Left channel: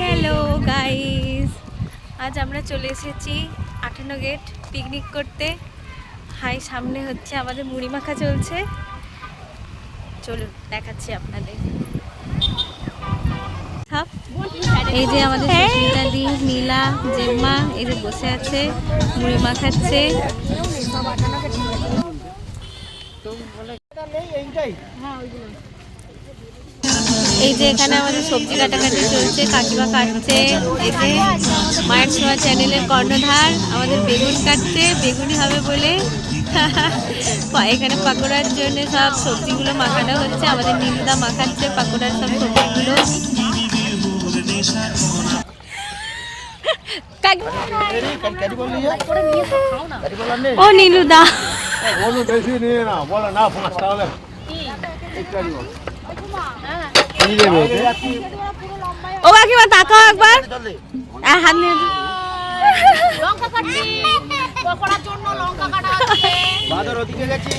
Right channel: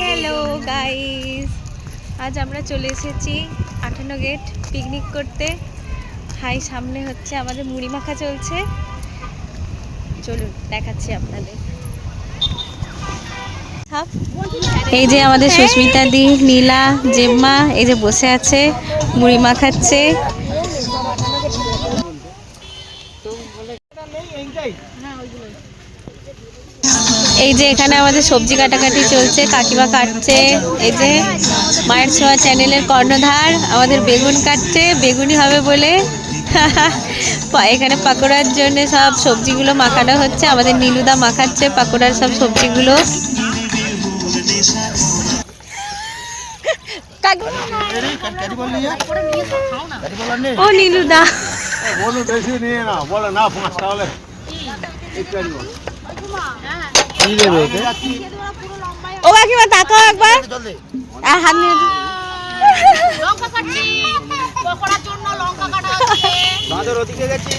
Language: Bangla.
হ্যালো গাইস, আজ আমরা চলে এসেছি 58 গেট পিকনিক করতে। হাই, সামনে হচ্ছে আমাদের মুড়ি মাখা চলছে। চলুন দেখাচ্ছি আপনাদের। এই যে আমাদের সুস্মিতা দি, নীলা, জেম্মা এই যে বসে আছে, মুড়ি মাখাচ্ছে। এই যে এখানে আমাদের সবজি কাটাকাটি চলছে, কাকিমা কাটছে। এই যে মায়ের ছোঁয়া চ্যানেলের কর্ণধার আমাদের বেগুন কাটছে, বেগুনি হবে বলে। এখানে পাকোড়ার জন্য সব সবজিগুলো মাখানো হচ্ছে, আমাদের নীলুদা মাখাচ্ছে পাকোড়ার সব সবজিগুলো। ও নীলুদা, ও কাকিমা তাকাও একবার, হাত নিয়ে। লঙ্কা কাটছি, পকোড়ার জন্য লঙ্কা কাটা হচ্ছে। বাজার ওদিকে গেছি।